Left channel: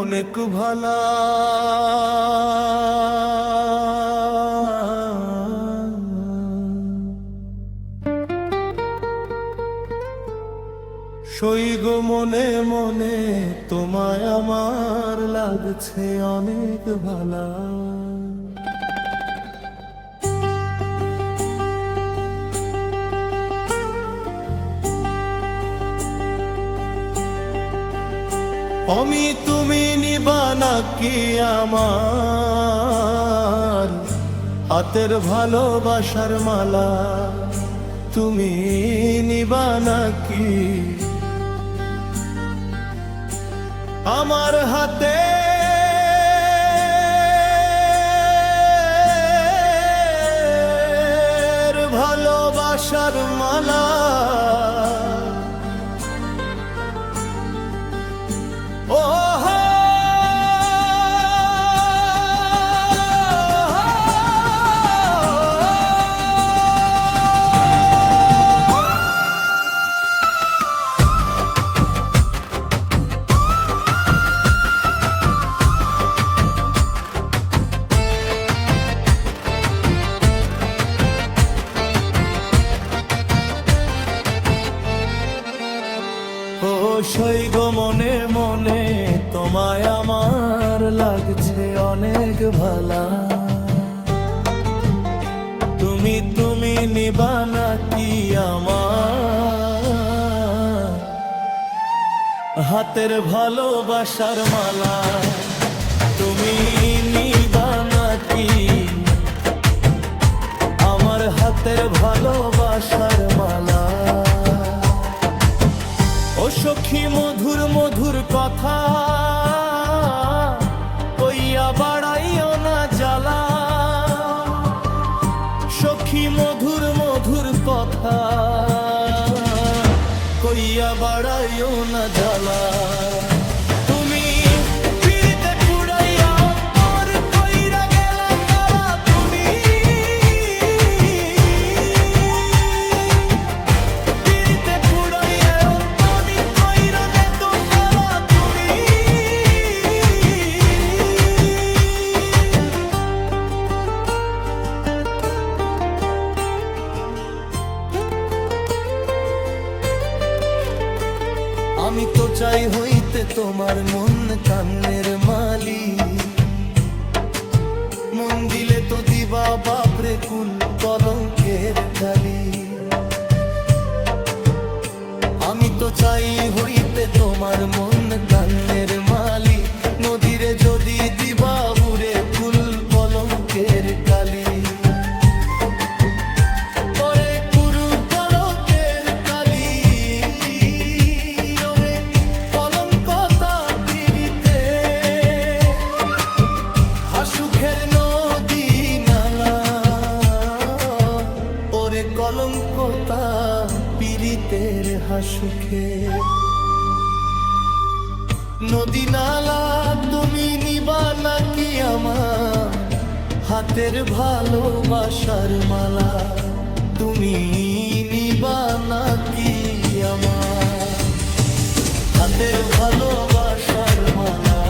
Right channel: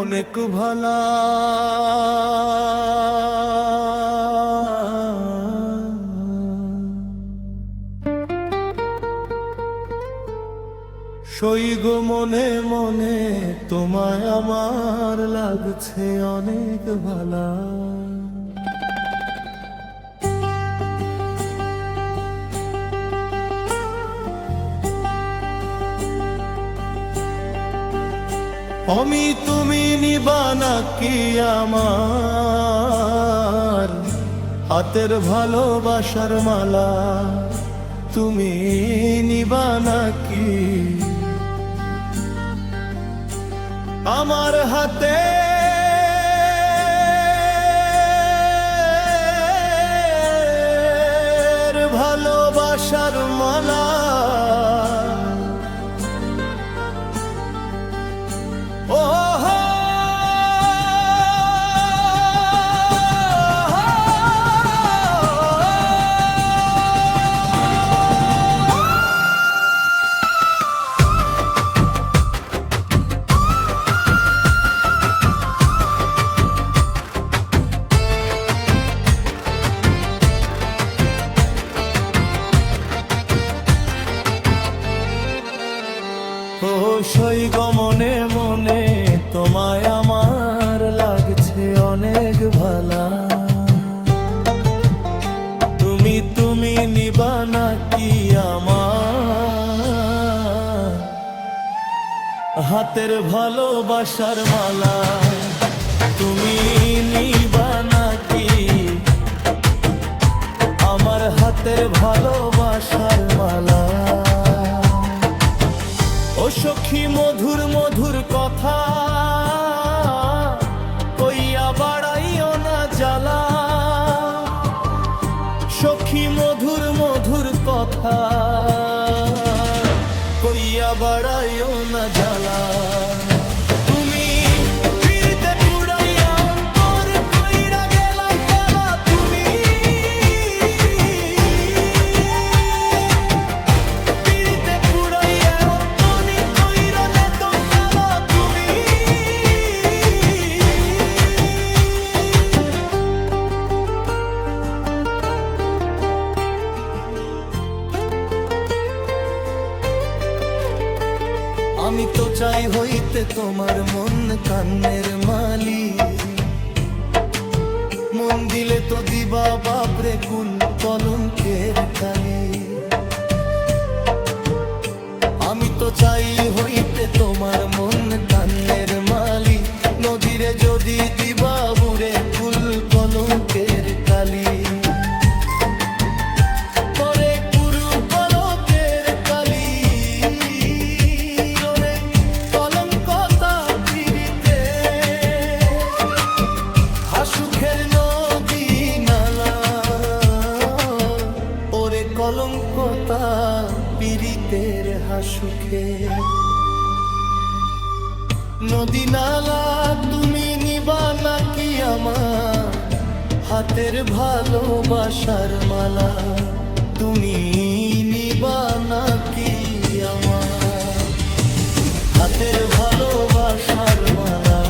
অনেক ভালা সইগো মনে মনে তোমায় আমার লাগছে অনেক ভালা। আমি তুমি নিবা নাকি আমার হাতের ভালোবাসার মালা? তুমি নিবা নাকি আমার হাতে ভালোবাসার মালা? ও সইগো মনে মনে তোমায় আমার লাগছে অনেক ভালা। তুমি তুমি নিবা নাকি আমার হাতের ভালোবাসার মালা? তুমি নিবা নাকি আমার হাতের ভালোবাসার মালা? ও সখী মধুর মধুর কথা কইয়া বাড়াইও না জ্বালা। সখী মধুর মধুর কথা কইয়া বাড়াইও না জ্বালা। তুমি ফিরিতে পুড়াইয়া অন্তর কইরা গেলা কালা। তুমি ফিরিতে পুড়াইয়া আমি তো চাই হইতে তোমার মন কান্নের মালি। মন দিলে তো দিবা বাপরে কুল কলঙ্কের কালি। আমি তো চাই হইতে তোমার মন কান্নের মালি। নদীরে যদি দিবা বুড়ে কুল কলঙ্কের কালি। পরে কুরু কলঙ্কের কালি সুখের নদী নালা। ওরে কলঙ্কতা পীড়িতের হাসুখে নদী নালা। তুমি নিবা নাকি আমার হাতের ভালোবাসার মালা? তুমি নিবা নাকি আমার হাতের ভালোবাসার মালা?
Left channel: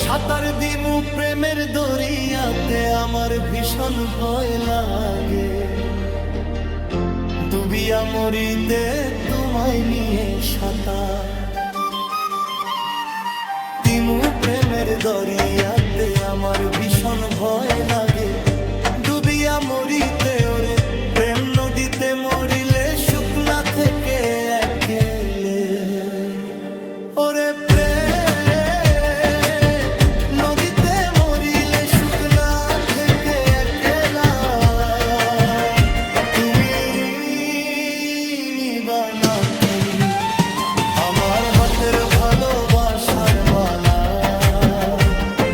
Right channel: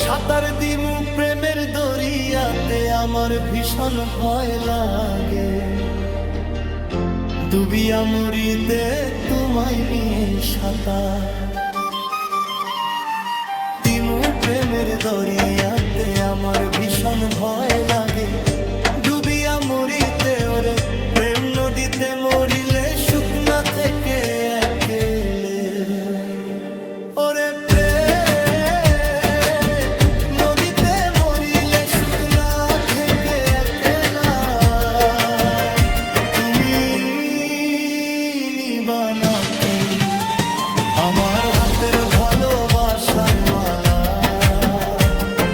সাঁতার দিমু প্রেমের দরিয়াতে আমার ভীষণ ভয় লাগে। ডুবিয়া মরিতে তোমায় নিয়ে সাঁতার দিমু প্রেমের দরিয়াতে আমার ভীষণ ভয় লাগে। ডুবিয়া মরিতে ওরে প্রেম নদীতে মরিলে শুকনা থেকে একেলে। ওরে প্রেম নদীতে মরিলে শুকনা থেকে একেলা। তুমি ভালোবাসার মালা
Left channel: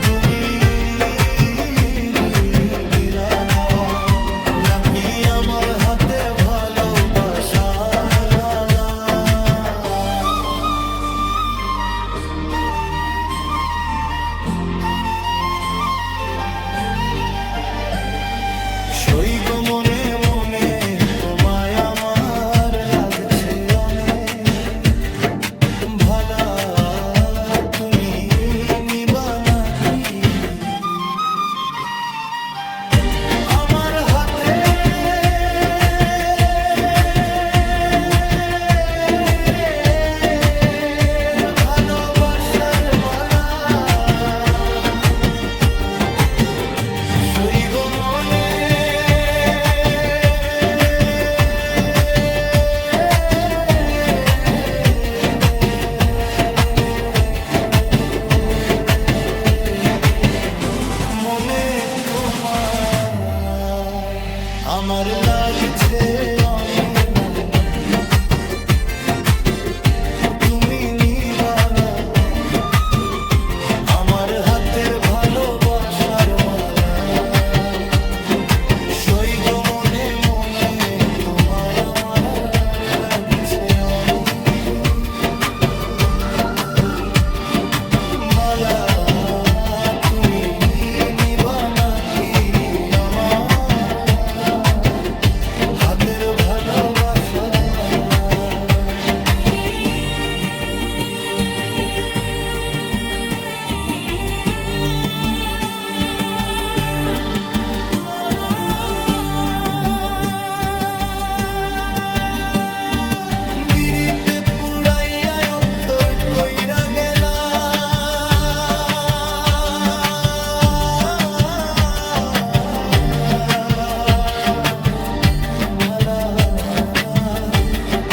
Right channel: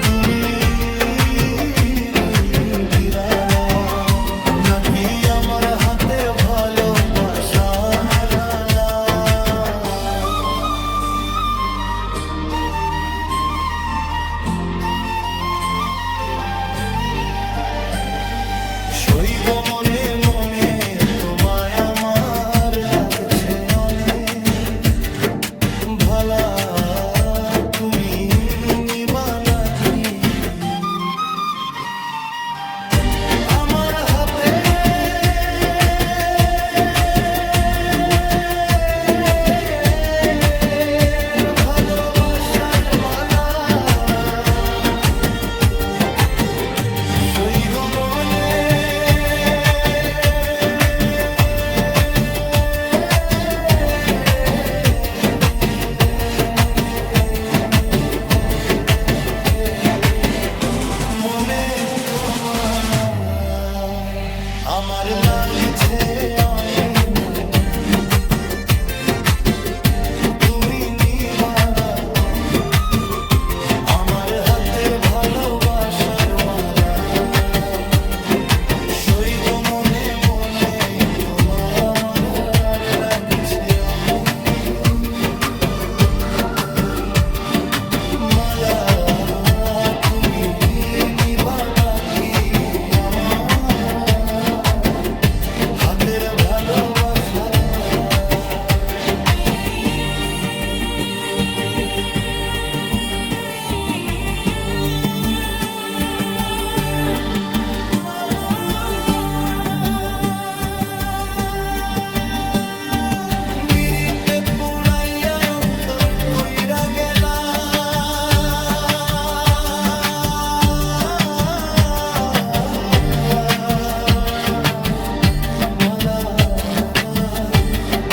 তুমি বিরালা নাকি আমার হাতের ভালোবাসার আলা সইগ মনে মনে তোমায় আমার লাগছে অনেক ভালা তুমি নিবা নাকি আমার হাতে ভালোবাসার মালা সইগ মনে মনে তোমায় আমার লাগছে অনিমা তুমি নিবা আমার হাতের ভালোবাসার মালা সইগ মনে মনে তোমায় আমার আর লাগছে মালা তুমি নিবা নাকি আমার হাতের ভালোবাসার গিরিতে পুড়াইয়া অন্তর কইরা গেলা মালা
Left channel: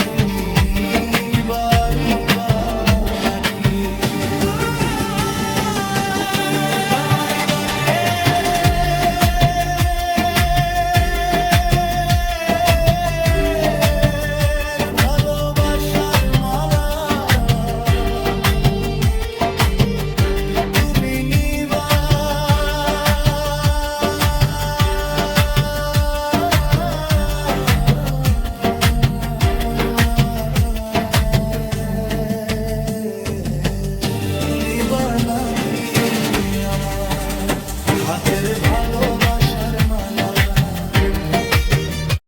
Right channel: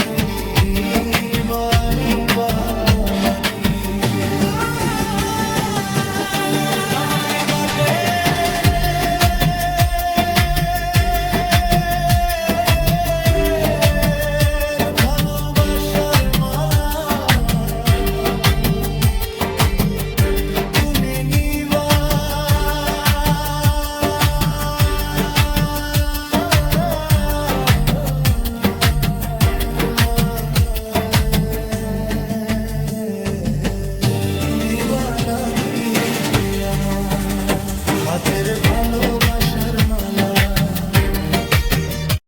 তুমি নিবা নাকি ভালোবাসার মালা তুমি নিবা নিবা নাকি আমার হাতের ভালোবাসার মালা